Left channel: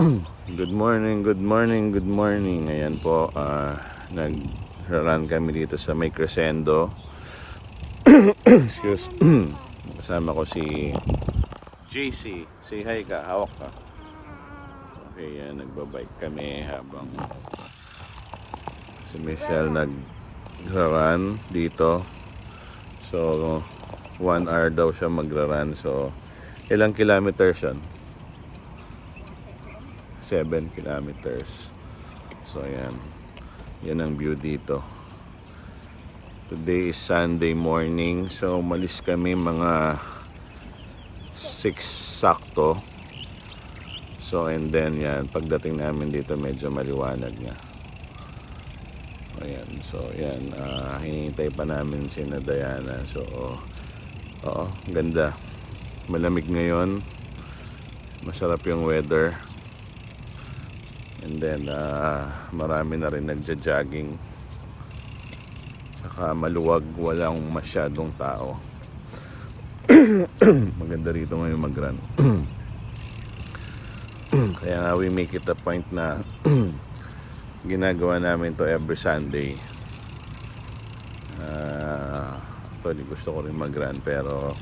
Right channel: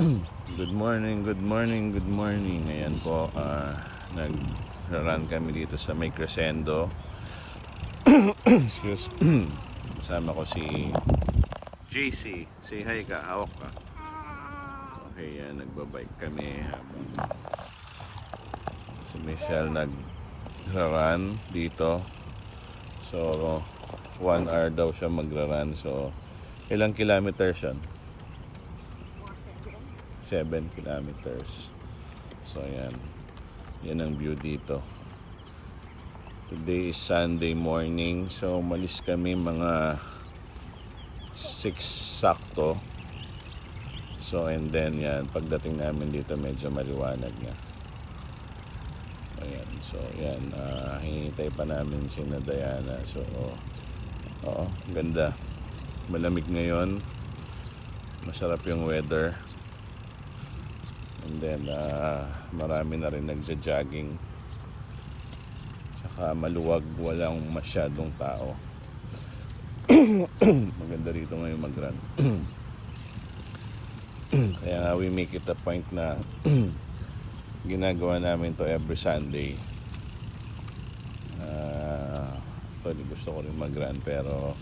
Good morning, good morning, good morning. Ayan po, nag-run kami dito sa May Crescendo. Excuse. Kasama ko si JC. Say hi ka, hawak ka. Okay, yan, nagbabike kami habang si Michelle nag-run dito. So, 1 hour daw siya magra-run. So, ilang kilometers yun? 7 kilometers. So ayan, yan ang view dito. Today is Sunday morning, so umalis kami mga 6 sakto. So and then yan, pagdating namin dito medyo maliwanag na. Ayan, so yan, hinihintay pa namin si Diana. So oo, ganda, malamig ngayon, masarap yung weather. And then marami na rin nagja-jogging. Saka maluwag, walang masyadong tao. Maganda rito ngayon mag-run. Kaya nga we make it a point na ginagawa namin to every Sunday. Actually gusto ko rin mag-run pero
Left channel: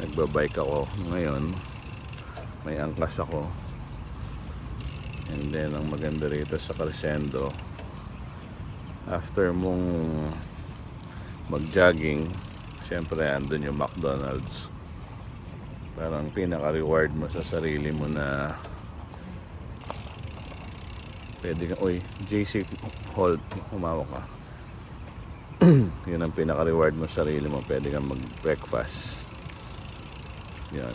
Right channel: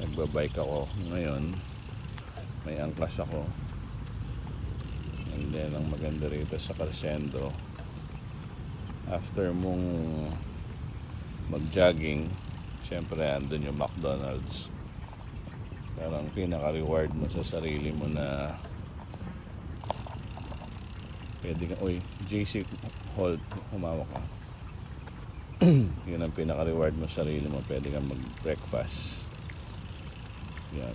nagbabike ako ngayon. May angkas ako. And then ang maganda rito sa Crescendo, after mong mag-jogging, syempre andun yung McDonald's. Parang pinaka-reward mo sa sarili mo na pwede ka, uy, JC, hold, umawa ka. Yun ang pinaka-reward mo sa sarili mo, pwede kang mag-breakfast. Yan.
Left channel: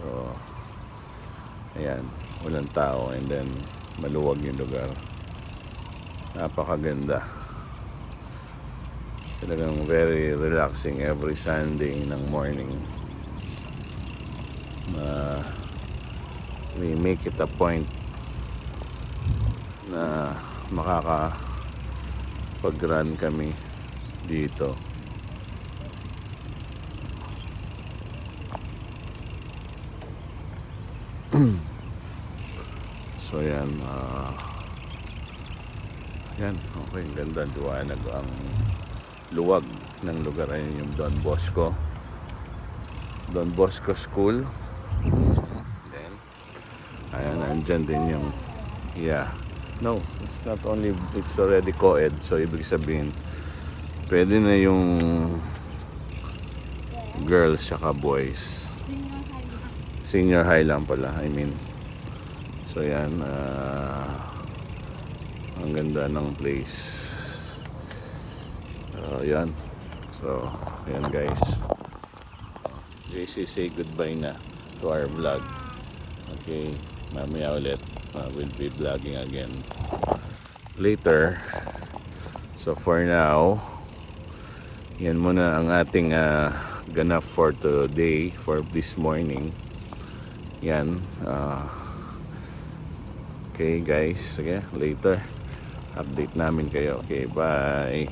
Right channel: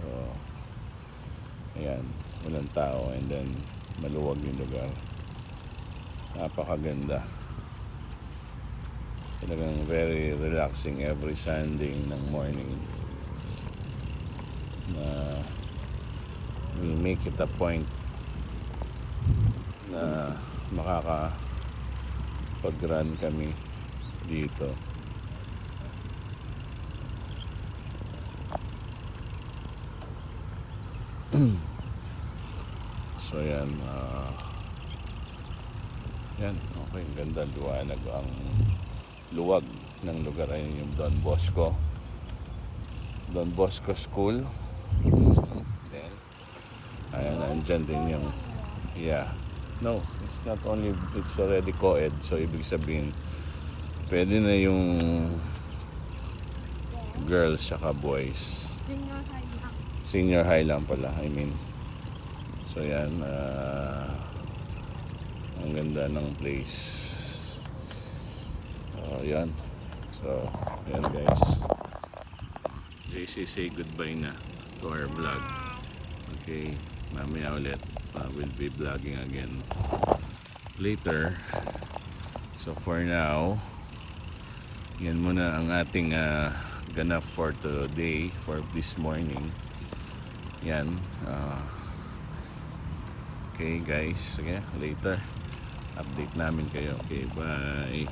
So ayan, walang tao, and then maluwag yung lugar. Napakaganda. Talagang very relaxing every Sunday ng morning. We make it a point na makakapag-run kami dito. So yan, yan, okay, ganda, liwanag ang luwag ng lugar. Ayun yung Don Bosco School. Then ayan, andyan din yung it's not only, it's already co-ed, so ibig sabihin pwede na yung girls saka boys. Senior high lang pala, I mean. So yan, ang ganda ng place. So yan. So yan guys, JC say goodbye na to our vlog. Okay, mamaya ulit we'll be vlogging again later. So for now, yan muna ang ating ganap for today, for this morning. Yan, okay guys, sige, later update namin kayo. Okay, bye.